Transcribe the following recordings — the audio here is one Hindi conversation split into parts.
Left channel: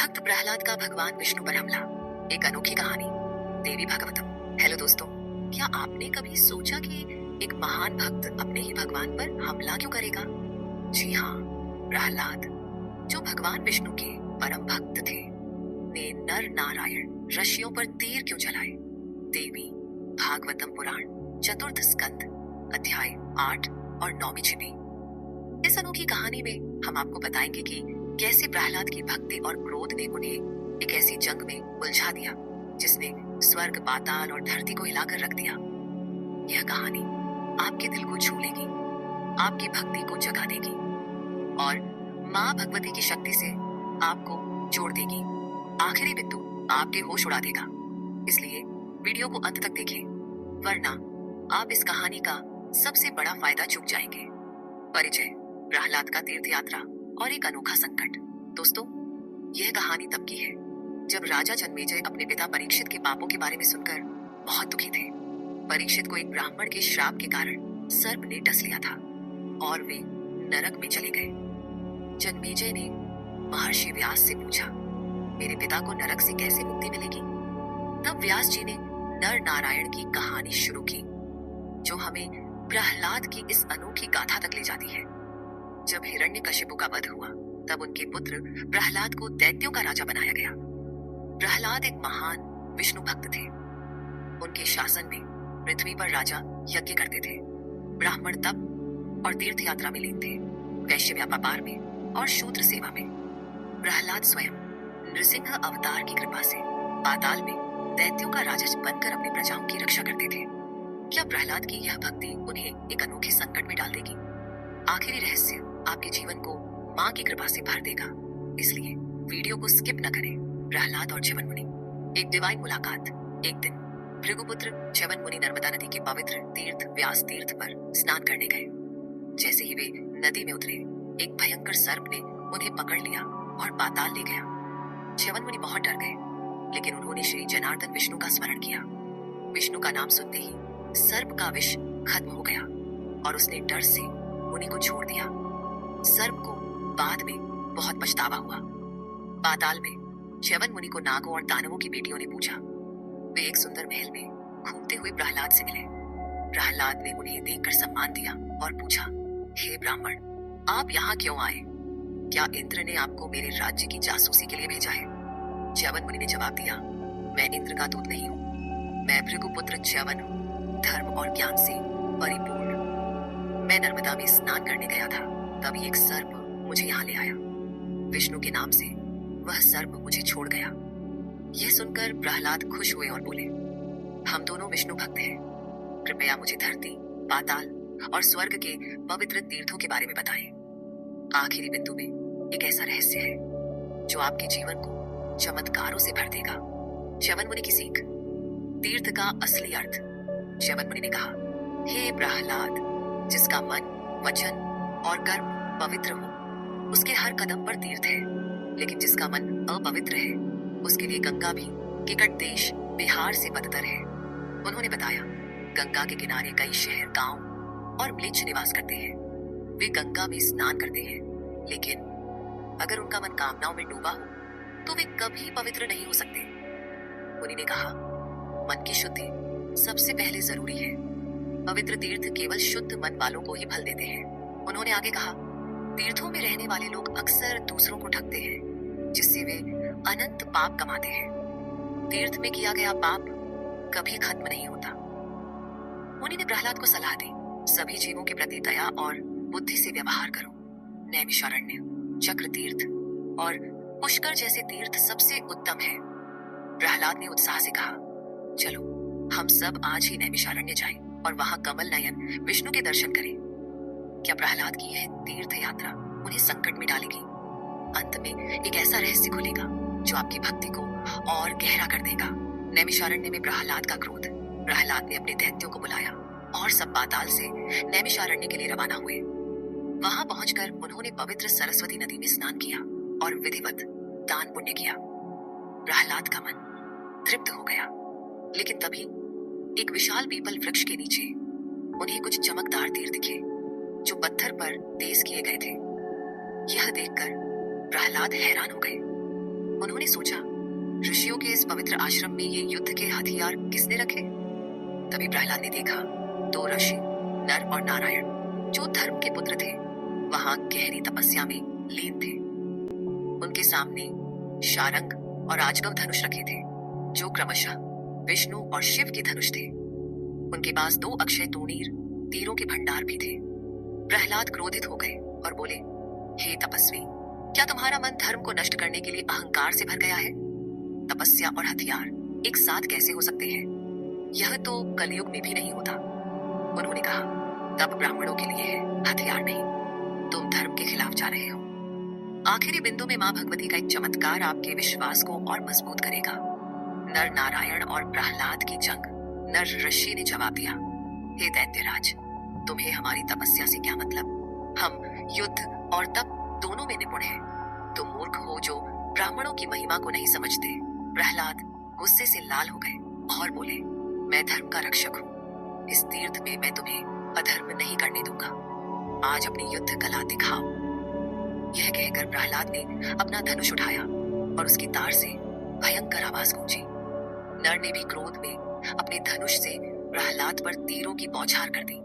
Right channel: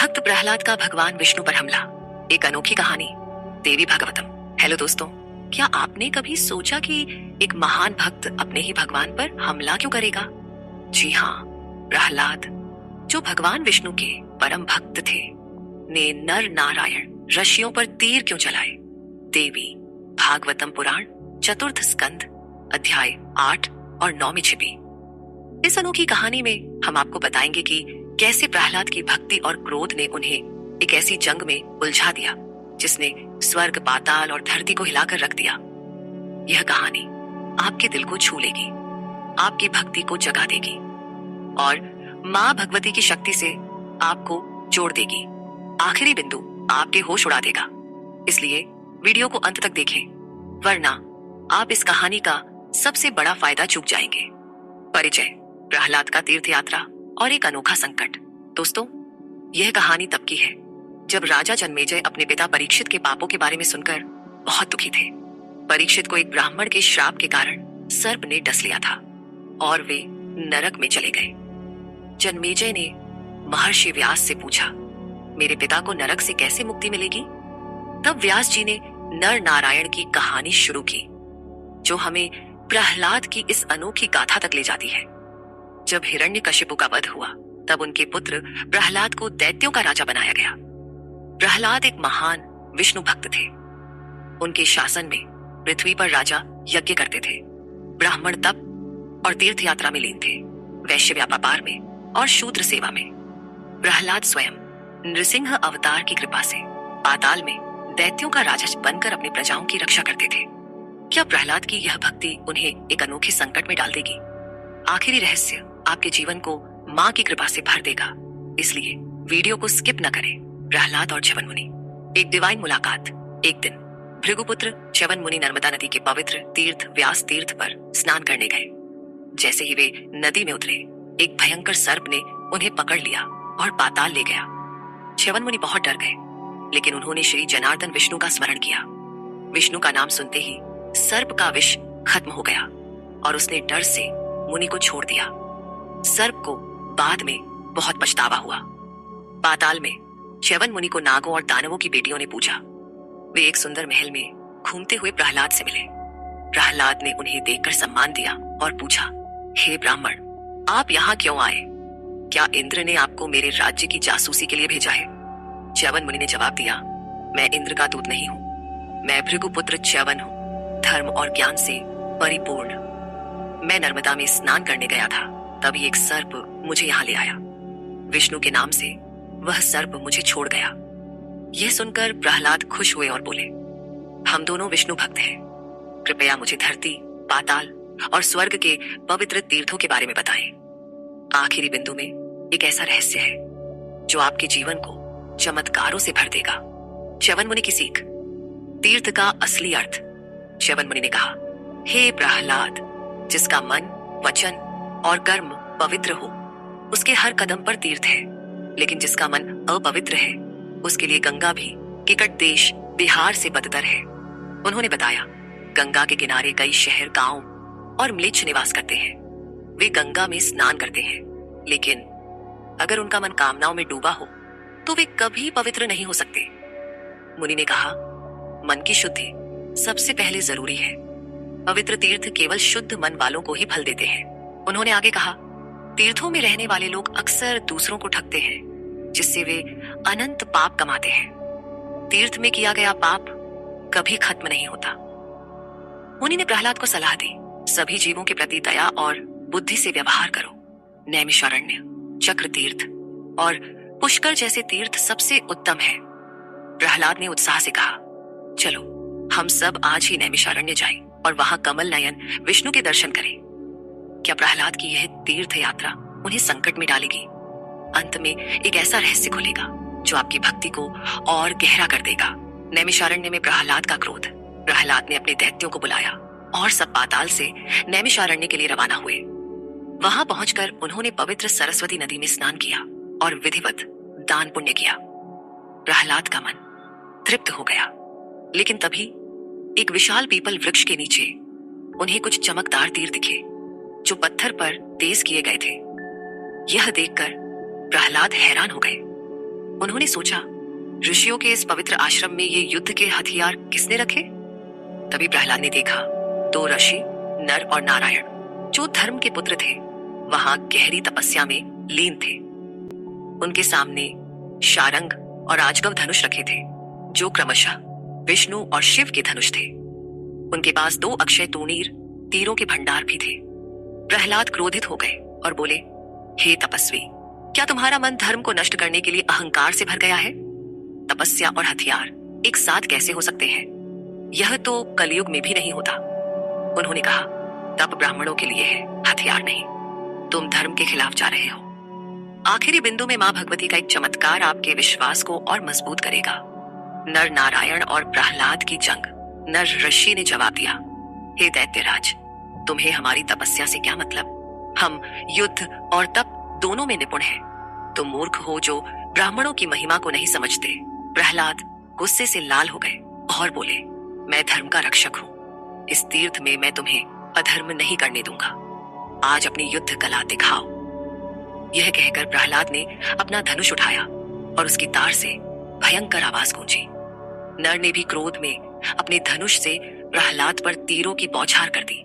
भक्त प्रहलाद का भगवान विष्णु पर हमला, एक अनोखी कहानी, देवी भागवतम। हेलो दोस्तों, क्या आपने कभी सोचा कि एक महान भक्त अपने ही भगवान पर हमला क्यों करेगा? जी हाँ, प्रहलाद, जो भगवान विष्णु के परम भक्त थे, ने नर नारायण ऋषियों पर तीर क्यों चलाए? देवी भागवतम पुराण चतुर्थ स्कंद अध्याय 8 और 9 में छिपी इस अनोखी कहानी में हम आपको बताएंगे कि कैसे प्रहलाद की भक्ति और क्रोध ने उन्हें एक ऐसी जंग में उलझा दिया जिसने स्वर्ग, पाताल और धरती को हिलाकर रख दिया। यह कहानी आपके दिल को छू लेगी, आपकी भक्ति को जगा देगी और माँ भगवती की शक्ति से आपको जोड़ देगी। आखिरी बिंदु आपके होश उड़ा देगा। इसलिए वीडियो को अंत तक देखें, वरना आप इस कहानी का सबसे बड़ा फायदा चूक जाएंगे। परिचय, प्रहलाद का तीर्थ यात्रा और एक अनोखा संकट। दोस्तों, यह कहानी तब की है जब राजा जन्मेजय अपने पिता परीक्षित के पापों के बारे में सुनकर बहुत दुखी थे। परीक्षित को एक ब्राह्मण के श्राप के कारण सर्प ने डस लिया था और वे नरक में चले गए। जन्मेजय ने महर्षि व्यास से पूछा, मेरे पिता को नरक से कैसे मुक्ति मिलेगी? तब व्यास जी ने नर नारायण की कहानी शुरू की, जो हमें प्रहलाद की इस अनोखी गाथा तक ले जाती है। जब हिरण्यकशिपु का वध हुआ, तब उनके पुत्र प्रहलाद को दैत्यों का राजा बनाया गया। प्रहलाद एक महान विष्णु भक्त थे। उनके शासन में पृथ्वी पर राजा यज्ञ करते थे, ब्राह्मण तप और तीर्थ यात्रा में लीन थे, वैश्य व्यापार में और शूद्र सेवा में। प्रहलाद स्वयं नृसिंह अवतार की कृपा से पाताल में दैत्यों का राजा बनकर अपनी प्रजाओं की रक्षा करते थे। क्या प्रहलाद की यह भक्ति उन्हें एक अनोखे संकट में डाल देगी? आखिरी रहस्य आपके जीवन को माँ की कृपा से भर देगा, इसलिए वीडियो को स्किप न करें। प्रहलाद और च्यवन मुनि। एक डिवाइन मुलाकात। एक दिन भृगुपुत्र च्यवन मुनि नर्मदा नदी के पवित्र तीर्थ व्यास तीर्थ पर स्नान करने गए। जैसे ही वे नदी में उतरे, एक भयंकर सर्प ने उन्हें पकड़ लिया और पाताल ले गया। च्यवन मुनि बहुत डर गए, लेकिन उन्होंने श्री जनार्दन विष्णु का स्मरण किया। विष्णु का नाम सुनते ही सर्प का विष खत्म हो गया और उसने डर से मुनि को छोड़ दिया। सर्प को बाद में बहुत पछतावा हुआ। पाताल में च्यवन मुनि को नागों और दानवों की बेटियों ने पूछा। वे एक सुंदर महल में घूमते हुए प्रहलाद से मिले। प्रहलाद ने उन्हें देखकर सम्मान दिया और पूछा, हे ब्राह्मण, आप यहाँ क्यों आए? क्या इंद्र ने आपको मेरे राज्य की जासूसी के लिए भेजा है? च्यवन मुनि ने जवाब दिया, मैं इंद्र का दूत नहीं हूँ, मैं भृगुपुत्र च्यवन हूँ, धर्म और ज्ञान से परिपूर्ण। मैं नर्मदा में स्नान करने गया था, तभी एक सर्प मुझे यहाँ ले आया। विष्णु के नाम से वह सर्प मुझे छोड़ गया। यह सुनकर प्रहलाद खुश हुए और बोले, हम दोनों विष्णु भक्त हैं, कृपया मुझे धरती, पाताल और स्वर्ग के पवित्र तीर्थों के बारे में बताएं। आखिरी बिंदु में एक ऐसा रहस्य है जो आपके जीवन को चमत्कारों से भर देगा। च्यवन मुनि की सीख। तीर्थ का असली अर्थ। च्यवन मुनि ने कहा, हे प्रहलाद, जिसका मन, वचन और कर्म पवित्र हो, उसके हर कदम पर तीर्थ है, लेकिन जिसका मन अपवित्र है, उसके लिए गंगा भी निकट देश बिहार से बदतर है। उन्होंने बताया, गंगा के किनारे कई शहर, गांव और म्लेच्छ निवास करते हैं। वे गंगा में स्नान करते हैं, लेकिन अगर उनका मन कामनाओं में डूबा हो तो वे कभी पवित्र नहीं हो सकते। मुनि ने कहा, मन की शुद्धि सबसे पहले जरूरी है। पवित्र तीर्थ केवल शुद्ध मन वालों को ही फल देते हैं। उन्होंने आगे कहा, तीर्थों में रहने वाले लोग अक्सर दूसरों को ठगते हैं, जिससे वे अनंत पाप कमाते हैं। तीर्थ में किया गया पाप कभी खत्म नहीं होता। मुनि ने प्रहलाद को सलाह दी, सभी जीवों के प्रति दया और बुद्धि से व्यवहार करो। नैमिषारण्य, चक्र तीर्थ और पुष्कर जैसे तीर्थ सबसे उत्तम है। प्रहलाद ने उत्साह से कहा, चलो हम सब आज ही नैमिषारण्य जाएं और वहां कमल नयन विष्णु के दर्शन करें। क्या प्रहलाद की यह तीर्थ यात्रा उन्हें संकट में डालेगी? अंत में एक ऐसा रहस्य खुलेगा जो आपकी भक्ति को और गहरा कर देगा। नैमिषारण्य में प्रहलाद का क्रोध। प्रहलाद ने अपने दैत्यों को बुलाया और सब पाताल से नैमिषारण्य के लिए रवाना हुए। वहां पहुंचकर उन्होंने पवित्र सरस्वती नदी में स्नान किया और विधिवत दान पुण्य किया। प्रहलाद का मन तृप्त हो गया, लेकिन तभी एक विशाल पीपल वृक्ष के नीचे उन्हें कुछ चमकदार तीर दिखे जो पत्थर पर तेज किए गए थे। यह देखकर प्रहलाद हैरान हो गए। उन्होंने सोचा, ऋषियों के इस पवित्र आश्रम में ये युद्ध के हथियार किसने रखे? तभी प्रहलाद ने देखा, दो ऋषि नर और नारायण, जो धर्म के पुत्र थे, वहां गहरी तपस्या में लीन थे। उनके सामने शारंग और आजगव धनुष रखे थे, जो क्रमशः विष्णु और शिव के धनुष थे। उनके पास दो अक्षय तूणीर तीरों के भंडार भी थे। प्रहलाद क्रोधित हो गए और बोले, हे तपस्वी, क्या तुम्हारा मन धर्म को नष्ट करने के लिए अहंकार से भर गया है? तपस्या और हथियार एक साथ कैसे हो सकते हैं? यह तो कलयुग में भी नहीं होता। उन्होंने कहा, तप ब्राह्मणों के लिए है, हथियार नहीं। तुम धर्म के खिलाफ जा रहे हो। आखिरी बिंदु में मां भगवती का एक चमत्कार आपके विश्वास को और मजबूत करेगा। नर नारायण और प्रहलाद की जंग। नर ऋषि ने जवाब दिया, हे दैत्यराज, तुम्हें हमारी तपस्या से क्या मतलब? हम युद्ध और तप दोनों में निपुण हैं। तुम मूर्ख हो जो ब्राह्मणों की महिमा को नहीं समझते। प्रहलाद गुस्से से लाल हो गए और बोले, मैं धर्म का रक्षक हूं। इस तीर्थ में मैं तुम्हें अधर्म नहीं करने दूंगा। आज अपनी युद्ध कला दिखाओ। यह कहकर प्रहलाद ने अपना धनुष उठाया और उसकी तार से भयंकर आवाज गूंजी। नर ने भी क्रोध में अपने धनुष से प्रहलाद पर तीरों की बौछार कर दी।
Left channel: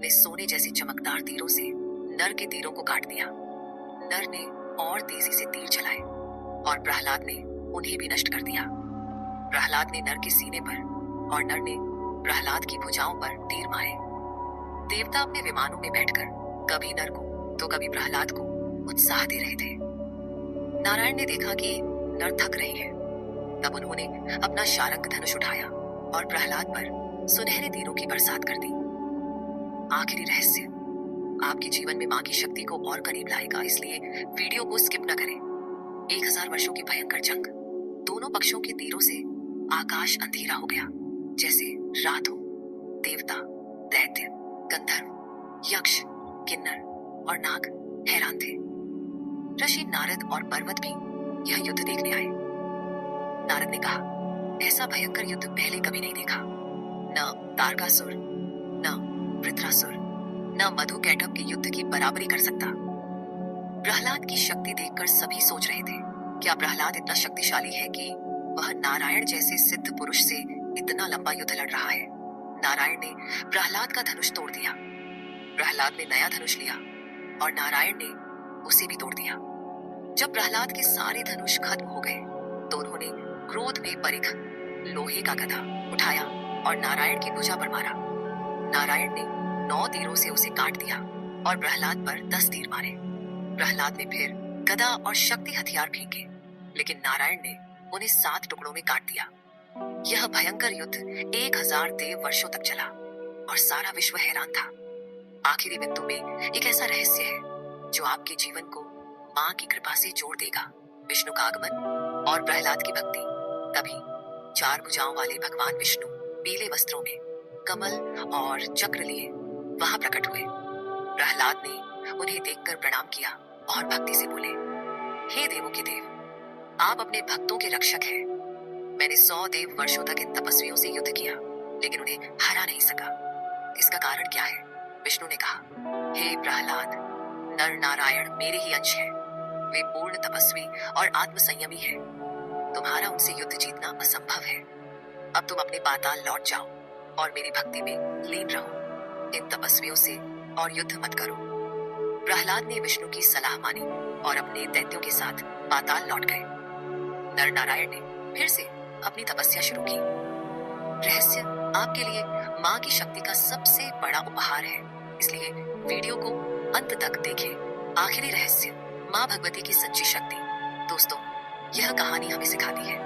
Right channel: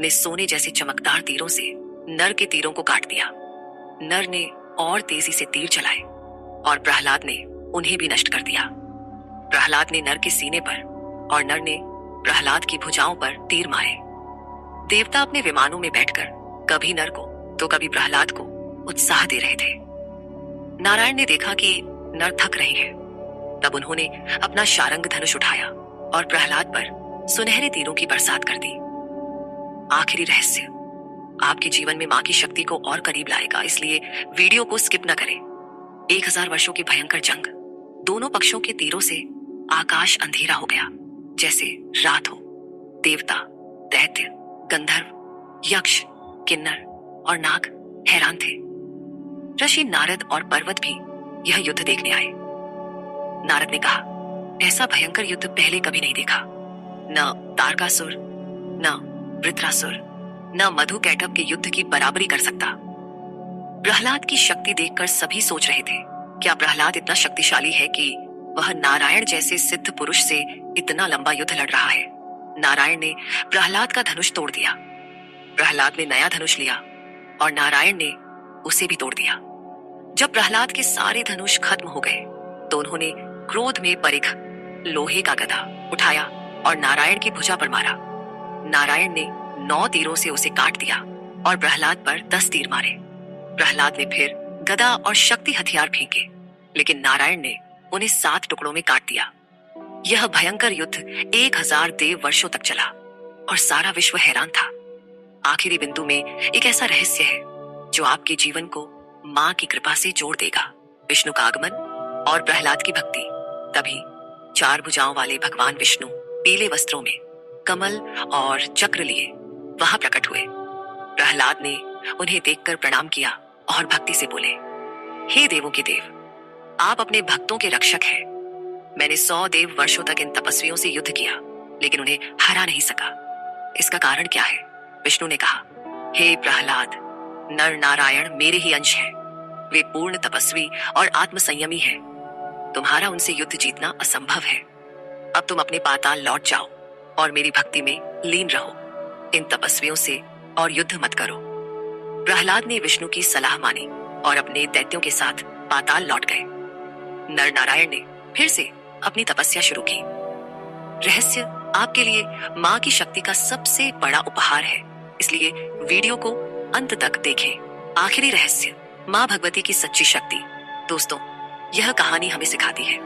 ने सोने जैसे चमकदार तीरों से नर के तीरों को काट दिया। नर ने और तेजी से तीर चलाए और प्रहलाद ने उन्हें भी नष्ट कर दिया। प्रहलाद ने नर के सीने पर और नर ने प्रहलाद की भुजाओं पर तीर मारे। देवता अपने विमानों में बैठकर कभी नर को तो कभी प्रहलाद को उत्साह दे रहे थे। नारायण ने देखा कि नर थक रहे हैं। तब उन्होंने अपना शारंग धनुष उठाया और प्रहलाद पर सुनहरे तीरों की बरसात कर दी। आखिरी रहस्य आपके जीवन में मां की शक्ति को और करीब लाएगा, इसलिए वीडियो को स्किप न करें। 1000 वर्षों की भयंकर जंग। दोनों पक्षों के तीरों से आकाश अंधेरा हो गया, जैसे रात हो। देवता, दैत्य, गंधर्व, यक्ष, किन्नर और नाग हैरान थे। ऋषि नारद और पर्वत भी यह युद्ध देखने आए। नारद ने कहा, ऐसा भयंकर युद्ध पहले कभी नहीं देखा। न तारकासुर, न वृत्रासुर, न मधुकैटभ के युद्ध की बराबरी कर सकता। प्रहलाद की शक्ति देखकर सभी सोच रहे थे, क्या प्रहलाद इतना शक्तिशाली है कि वह नारायण जैसे सिद्ध पुरुष से इतना लंबा युद्ध लड़ रहा है? नारायण ने प्रहलाद का धनुष तोड़ दिया। प्रहलाद ने नया धनुष लिया और नारायण ने उसे भी तोड़ दिया। जब प्रहलाद के सारे धनुष खत्म हो गए तो उन्होंने क्रोध में परिख लोहे का गदा उठाया और नारायण की भुजा पर मारा। नारायण ने 9 तीरों से उसे काट दिया और प्रहलाद पर 10 तीर मारे। प्रहलाद ने फिर गदा और शक्ति हथियार फेंके, लेकिन नारायण ने उन्हें 7 टुकड़ों में काट दिया। यह भयंकर युद्ध 1000 देव वर्षों तक चला और सारा विश्व हैरान था। आखिरी बिंदु में एक ऐसा रहस्य है जो आपके जीवन को मां की कृपा से जोड़ देगा। विष्णु का आगमन और प्रहलाद की भक्ति। तभी 4 भुजाओं वाले भगवान विष्णु पीले वस्त्रों में कमल और चक्र लिए वहां प्रकट हुए। प्रहलाद ने उन्हें देखकर प्रणाम किया और भक्ति से बोले, हे देवों के देव, आप अपने भक्तों के रक्षक हैं। मैंने 100 देव वर्षों तक इन तपस्वियों से युद्ध किया, लेकिन उन्हें हरा नहीं सका। इसका कारण क्या है? विष्णु ने कहा, हे प्रहलाद, नर नारायण मेरे ही अंश हैं। वे पूर्ण तपस्वी और आत्मसंयमी हैं। तुम्हारा उनसे युद्ध जीतना असंभव है। अब तुम अपने पाताल लौट जाओ और मेरी भक्ति में लीन रहो। इन तपस्वियों से और युद्ध मत करो। प्रहलाद ने विष्णु की सलाह मानी और अपने दैत्यों के साथ पाताल लौट गए। नर नारायण ने फिर से अपनी तपस्या शुरू की। रहस्य आपके लिए मां की शक्ति का सबसे बड़ा उपहार है, इसलिए वीडियो को अंत तक देखें। आखिरी रहस्य, मां भगवती की सच्ची शक्ति। दोस्तों, यह कहानी हमें सिखाती है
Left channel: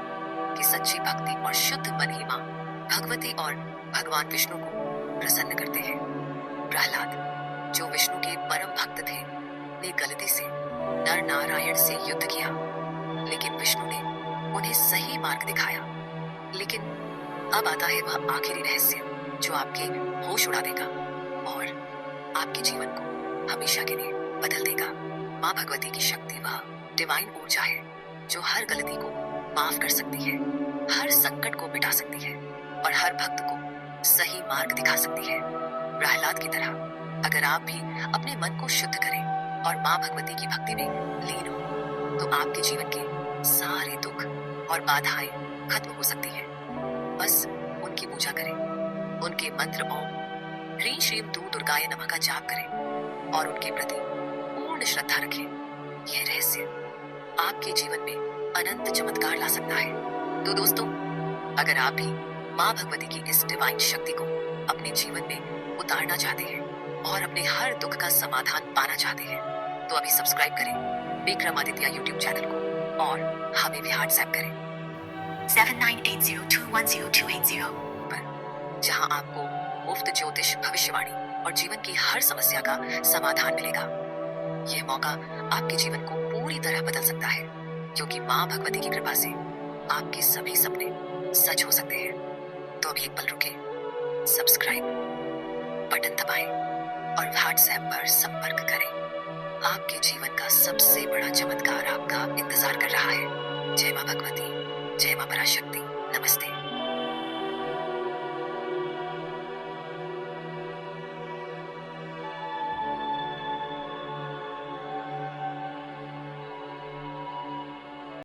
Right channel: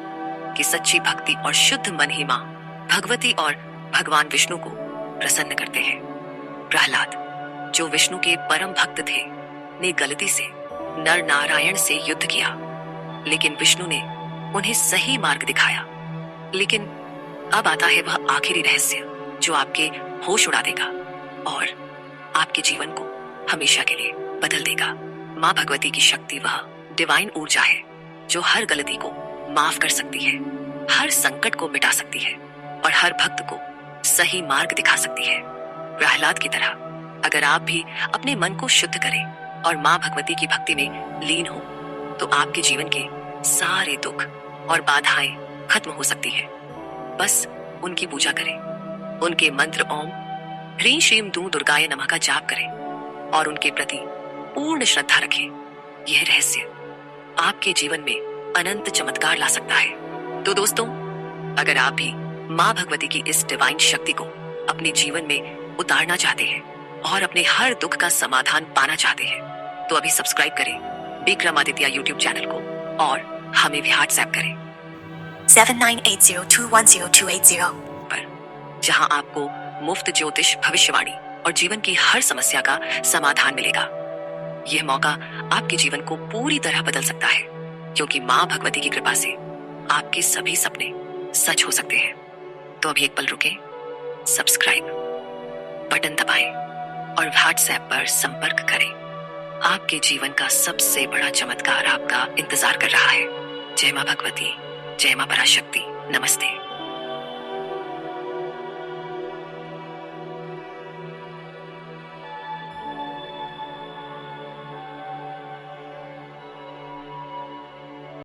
कि सच्ची भक्ति और शुद्ध मन ही मां भगवती और भगवान विष्णु को प्रसन्न करते हैं। प्रहलाद, जो विष्णु के परम भक्त थे, ने गलती से नर नारायण से युद्ध किया, लेकिन विष्णु ने उन्हें सही मार्ग दिखाया। लेकिन अब आता है वह आखिरी रहस्य जो आपके होश उड़ा देगा और आपके जीवन को हमेशा के लिए बदल देगा। मां भगवती की शक्ति वह डिवाइन ऊर्जा है जो हर गलती को माफ कर सकती है, हर संकट को मिटा सकती है और हर भक्त को सही मार्ग दिखा सकती है। प्रहलाद की तरह अगर आप भी अपने मन को शुद्ध करें और मां भगवती की भक्ति में लीन हो, तो आपके जीवन के सारे दुख और बाधाएं खत्म हो सकती है। बस उनकी पूजा करें, उनके मंत्र ओम ह्रीं श्रीं दूं दुर्गाय नमः का जाप करें और उनके प्रति पूर्ण श्रद्धा रखें। यह रहस्य आपके जीवन में अनंत चमत्कार ला सकता है। तो दोस्तों, अगर आप भी माँ भगवती की इस डिवाइन शक्ति को अपने जीवन में उतारना चाहते हैं और अपने हर दुख का समाधान पाना चाहते हैं, तो अभी सब्सक्राइब करें विक्रमादित्य यूट्यूब चैनल को और हमें भी व्हाट्सएप करें 7980210280 पर, जहां आपको मुफ्त ज्योतिष, भविष्यवाणी और जीवन की हर समस्या का समाधान मिलेगा। यह मौका आपके जीवन को पूरी तरह बदल सकता है, क्योंकि माँ भगवती की कृपा से आपके सभी सपने सच हो सकते हैं। तो अभी एक पल रुके, सब्सक्राइब बटन दबाएं और व्हाट्सएप पर संपर्क करें। आपके जीवन का सबसे बड़ा चमत्कार आपका इंतजार कर रहा है। जय मां भगवती, जय मां पराशक्ति, नमस्ते।